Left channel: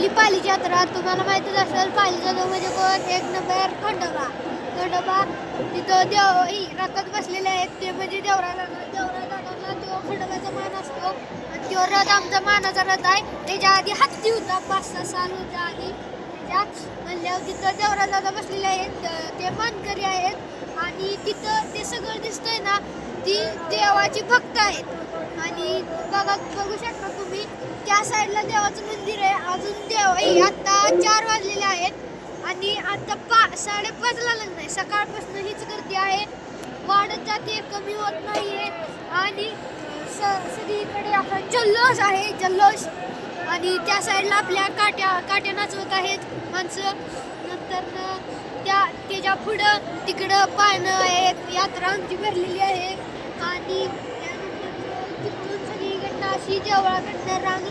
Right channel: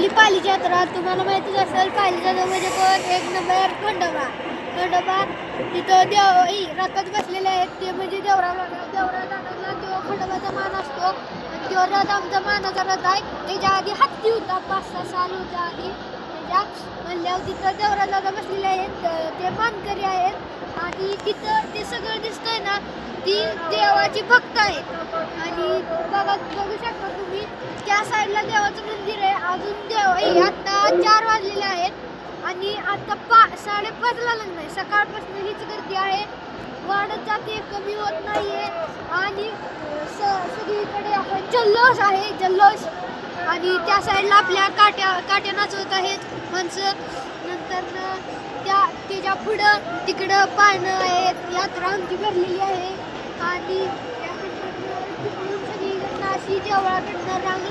आपली पालीची यात्रा तुम्हाला माहितीच असेल. पालीच्या म्हणजे पण एक नंबर खंडोबा. तिथं रथात बसलेले आहेत ते म्हणजे देवराला तो खंडोबाचा मान असतो. आणि तो रथ आमचा मानाचा रथ आहे. त्याच्या आधी हत्ती होता 5-6 साल होत्या आधी म्हणल्यावर तिथं देवराला बसलेले आहेत ते मानकरी आहेत. आणि तिथं ते सगळं दिसतंय ना ती देवाची भक्त आहेत. आणि बघू शकता तुम्ही त्या साईडला देवाचं मंदिर आहे. अजून देव आता 4 वाजलेले आहेत आणि आता 5:30ला लग्न आहे. सकाळपासून हीच गर्दी आहे, वाढत जाते, कमी होत नाहीये. आणि सगळीकडे आपण जल्लोष आहे, जल्लोष. आणि त्या साईडला आपल्या काट्या नाचवत आहेत माणसं. नंतर त्याच्या पुढं तिकडं पाळणं आहेत, यात्रा आमची भरलेली आहे. आणि त्यानंतर तिकडून सगळीकडनं अशी देवळाकडनं रांग